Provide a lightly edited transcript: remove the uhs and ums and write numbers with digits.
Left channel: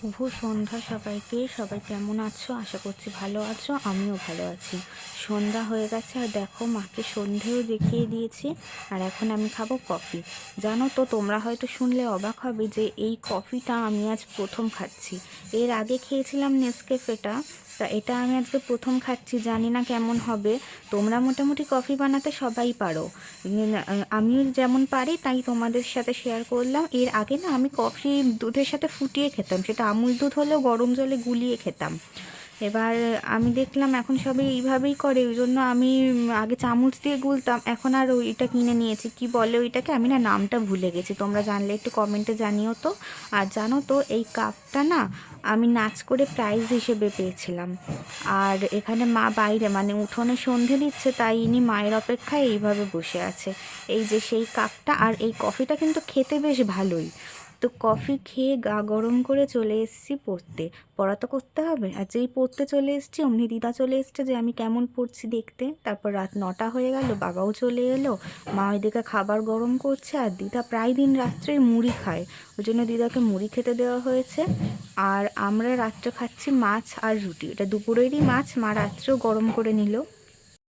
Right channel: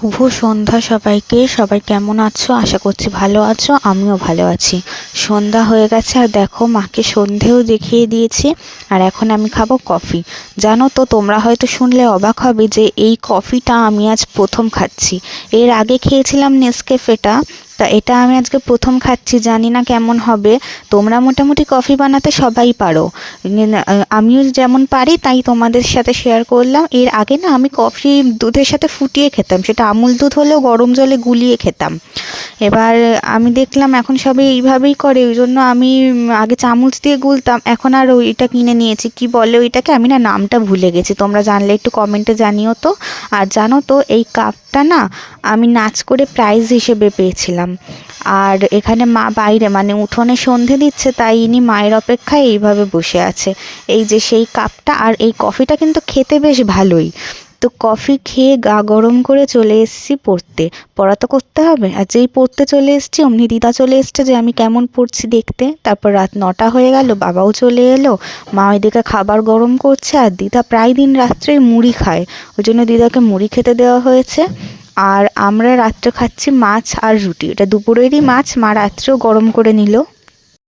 শুভ সন্ধ্যা সবাইকে। সবাই কেমন আছো? আশা করছি ভালো আছো, আমিও ভালো আছি। সন্ধ্যা হয়ে গেছে আর দেখো মাকে সন্ধেও দেখিয়ে দিয়েছি। আর এখন আমি খাবো কফি। জানো তো, তোমরা হয়তো শুনলে অবাক হবে যে এই কফিটা আমি আজ প্রথম খাচ্ছি। এর আগে খেয়েছিলাম নেসক্যাফেটা, তা এটা আমি আজকে প্রথম খাচ্ছি। জানি না কেমন হবে। তোমরা মোটামুটি কফি বানাতে সবাই পারো, আমিও যেমন পারি তাই তোমাদের সাথে শেয়ার করলাম। এর আগে না আমি কফি দুধের সাথে ফুটিয়ে খেতাম, সেটা আমুল দুধ হলেও গরম জলে গুলিয়ে খেতাম। এবার আমি দেখলাম এখন সবাই এইভাবেই করে, ওই জন্য আমি আগে চামচ দিয়ে গুলতাম, এখন আর ওইটা কিনে নিয়েছি। কি বলে ওইটাকে, আমি না নামটা ভুলে গেছি, তোমরা জানলে একটু কমেন্টে জানিও তো। আর জানো তো, এই কাপটা না আমি নাচ করে প্রাইজ হিসেবে পেয়েছিলাম। আর এখানে মা বাইরে মানে উঠোনে সন্ধে দিচ্ছে, তাই ইনি মায়ের অপেক্ষায় এইভাবে বসে আছে। এই যে সেই কাপটা, আর এই কফিটা কিন্তু খেতে বেশ ভালোই। তো কফি খেয়ে গা গরম করে চলে এসেছি পড়তে। পড়া তো করতে হবে, আর যেই পড়তে চলে এসেছি অমনি দিদা চলে এসছে যে আমি কেমন পড়ছি দেখতে। তারপর রাত 9টা হয়ে গেল, বাবাও চলে এলো। মা ওইদিকে খাবার গরম করছে, আর দিদা প্রায় দিন রাত্রে মুড়ি খায়, ওই জন্য দিদাকে মুড়ি খেতে দেওয়া হয়েছে। আর আমরা রাত্রে খাচ্ছি মাছ আর রুটি, এটা দুপুরেরই মাছ, মা রাত্রেও গরম করে নিল।